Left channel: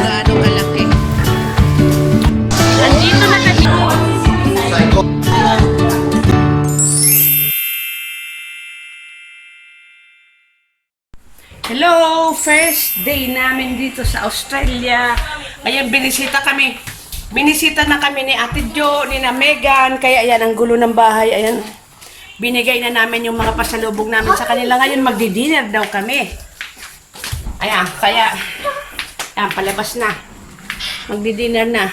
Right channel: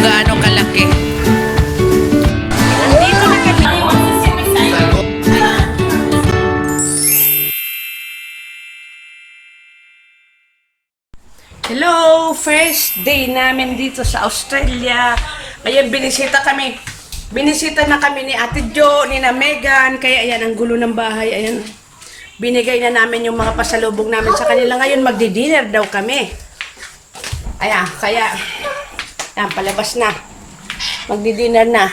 kung gaano kalaki. Andito na kami. Hello! First day namin dito sa Australia. Ngayon binisita na kami ni Ate Jo, ni na Megan. Kaya ayan, ang gulo ng bahay. Ayan. Binigay na namin yung mga pasalubong namin sa kanila. Ngayon magdi-dinner daw kami. Ayan, kaya ayan, palabas na. Magdi-dinner na.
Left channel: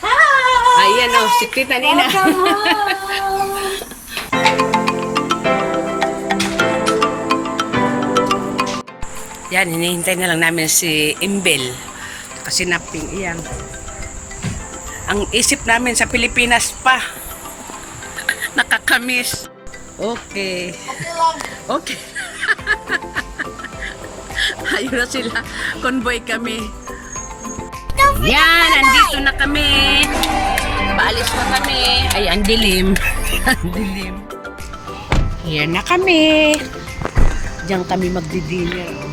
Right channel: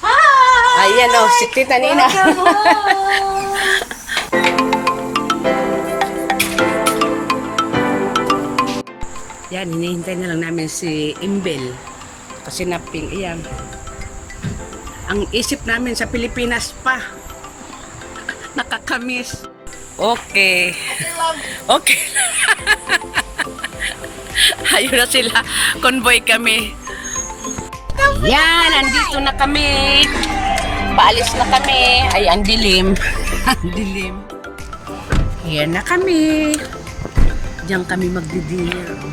Hi! Ayan o, si Tita Nina. Yan, hinihintay na lang namin si Imbel. Kasi naping, iyan. Ang isip namin sa Pilipinas pa. Nakakamiss. Okay. Okay. Ayun na sila. Convoy kami. Yan, andito na kami. Paalis na kami. Ay, ang dilim. Ang dilim. Here na kami. Diyan kami magdi-dinner. Oh.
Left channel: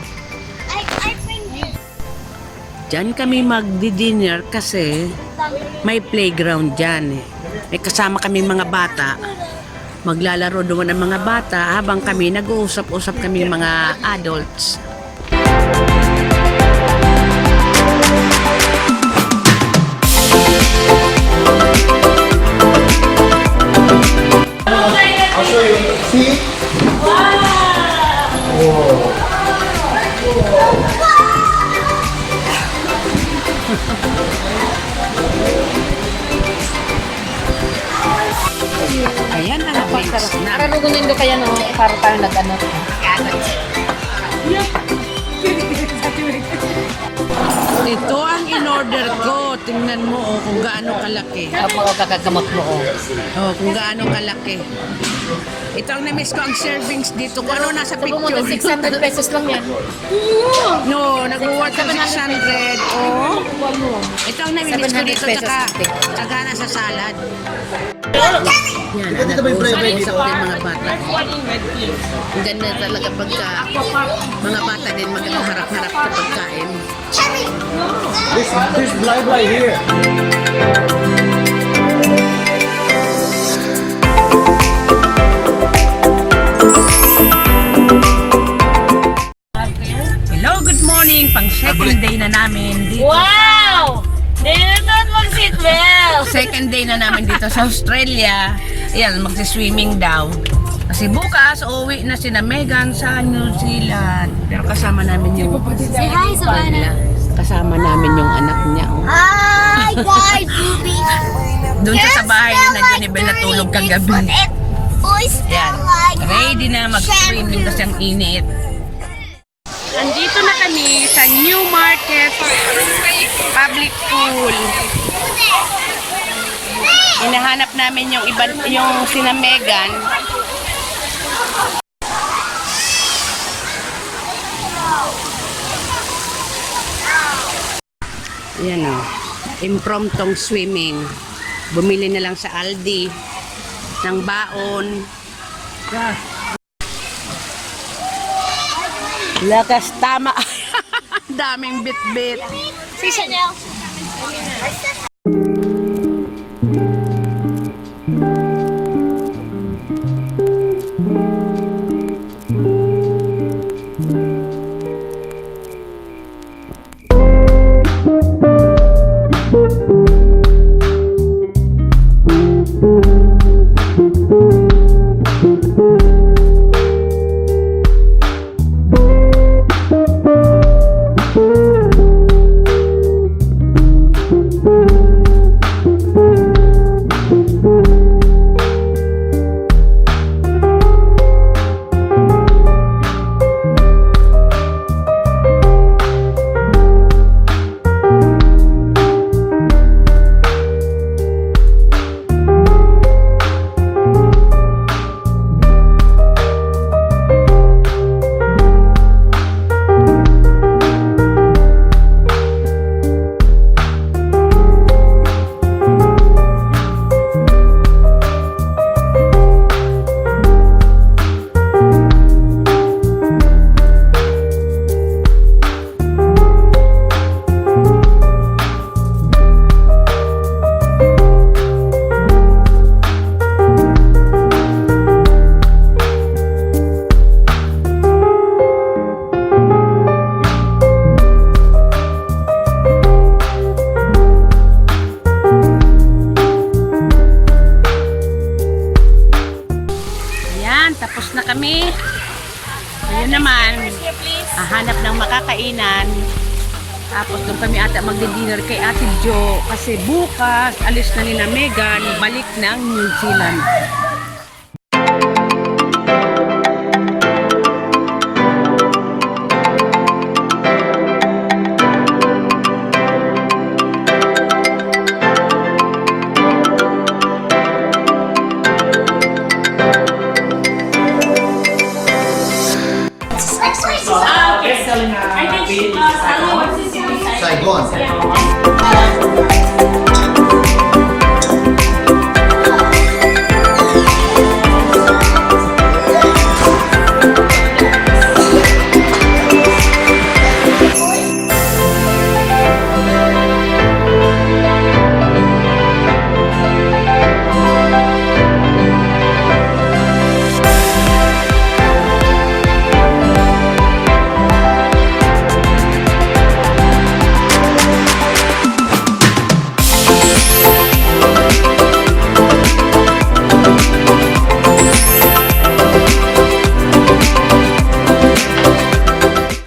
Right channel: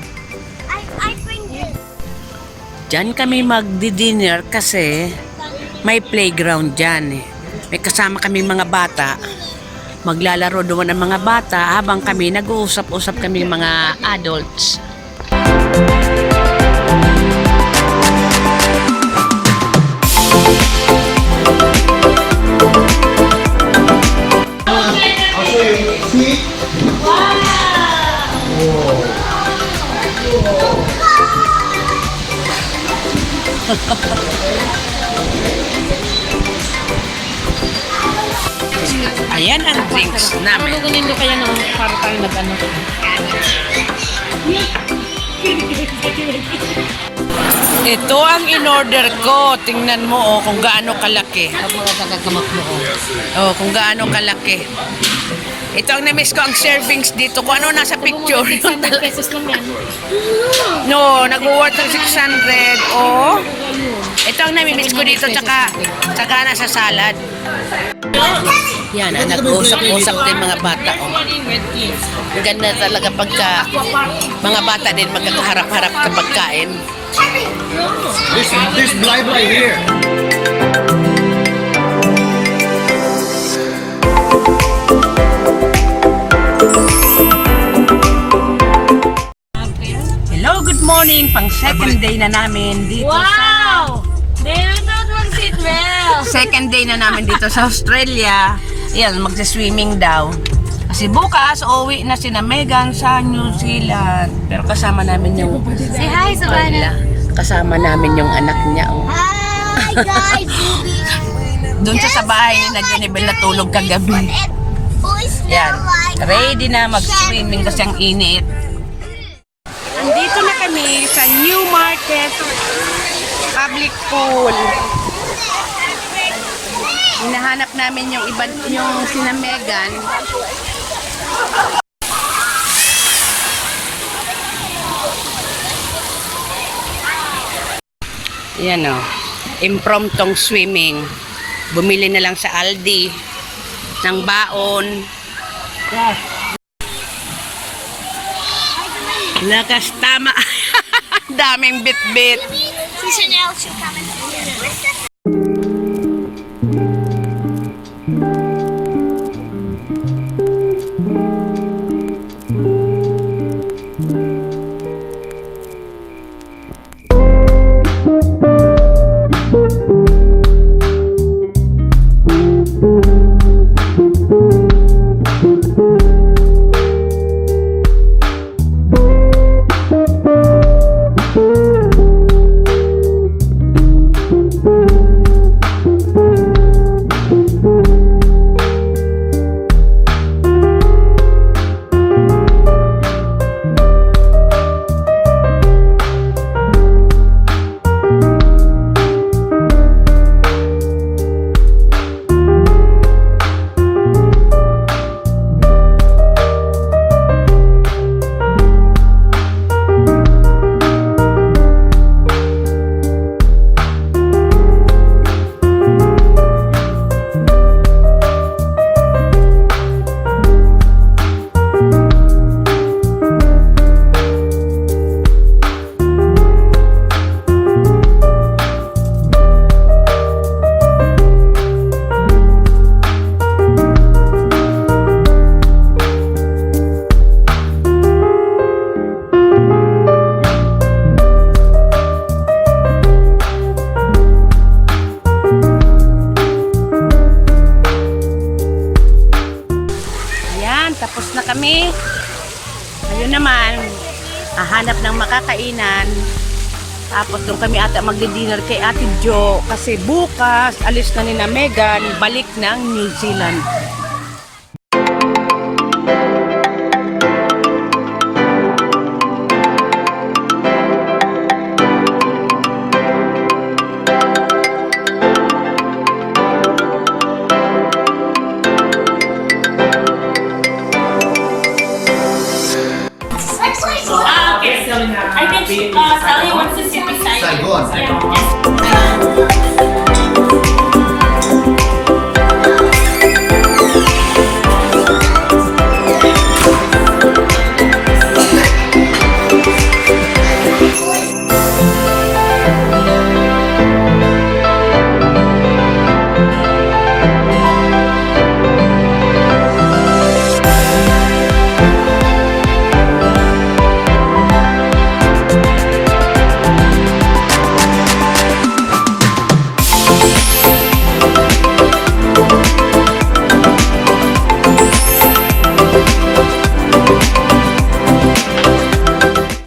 Diyan kami magdi-dinner kasi may playground dyan. May kasama kami mga bata. Maglalaro doon ang mga bata habang kami nag-uusap-usap kami mga adults. I'll show you. See? Ayan ang drinks namin. Ano ganyan kaya nung parang nag-ano? Ito ang in-order ko. Tingnan mo oh, kung gaano kalaki. Ako o kagagamap mo o. Oh, kung gaano kalaki. Ito ang na-miss ko ang servings dito. Kung ano nasa picture. 600 pesos lang yan. No, nag-worth ng 600. Oh. Ito ang nami-miss ko dito. Tsaka nasa salad. Yan, nag-uusap-usap din mga bata. Ang ganda talaga pagka mga bata din magkakaharap-harap kapag kain. There's blah here. Hello, good morning. Pang second day na namin dito. Wow! Never mag-seatbelt! Second day na namin dito sa Australia. Ayan, magsi-swimming daw. Kasi bukas, uuwi na sina Megan sa New Zealand. Pero kasama namin yung... Say hi, Savannah! Kasama namin yung anak niya. Oh. Hi guys! Doon siya sa bahay ni Jonibel natulog kagabi. Boys Yan. Ready na mag-swimming kasi ang init. Andito na kami sa Newmarket Public Pool. Hinahanap namin yung sina Megan. Yan o. Impromptong swimming. Bumili na lang sa Aldi ng baon. Lakas tama. Daming bit-bit. Si Chanel should come and kami. Ngayon naman, hahanap ng makakainan. Tapos doon kami ata magdi-dinner kay Ate Jo. Kasi bukas, alis na ni na Megan, balik ng New Zealand. I think Sally wants to sit beside Saigon. you.